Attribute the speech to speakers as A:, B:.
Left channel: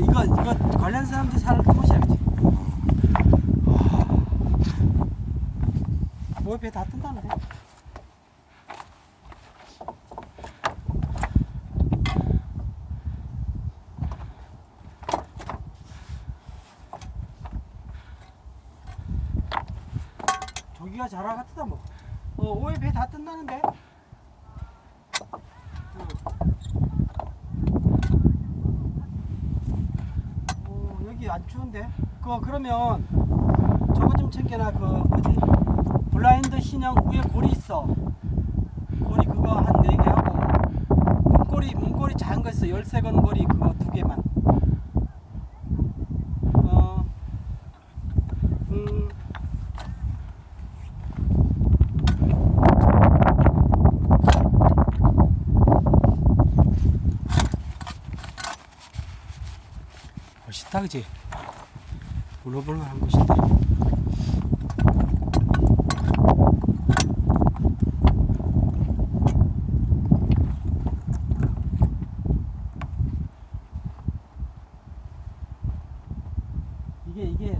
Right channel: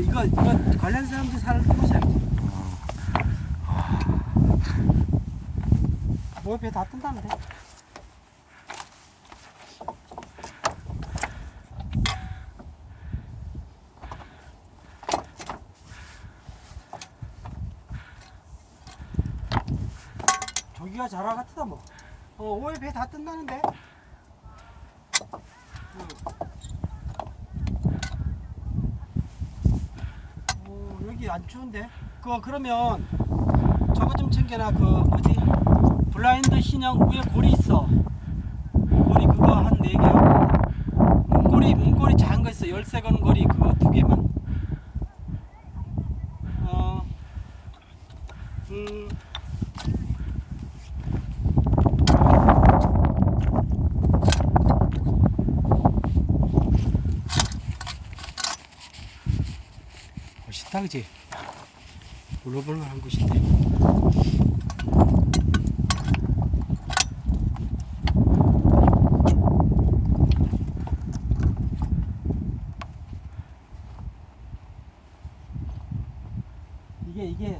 A: 관련 사람들이 살을 해보셔야지. 뭐배 다 뜬다는데. 저기가 자라 같다 뭐. 어, 오해 배 다 뜬다는데. 응. 어, 여기 안 추운데? 그 그러면 저거 좀 챙겨놔. 그 뭐지? 블라인드 신형 위에 고리 있어. 고리 그거 한 네 개 하고 문고리 문고리 작은 거 있어. 열쇠 건 고리 그거 두 개만. 어. 음. 멋있다 그지? 울렁불렁한 곳인데 이게 이게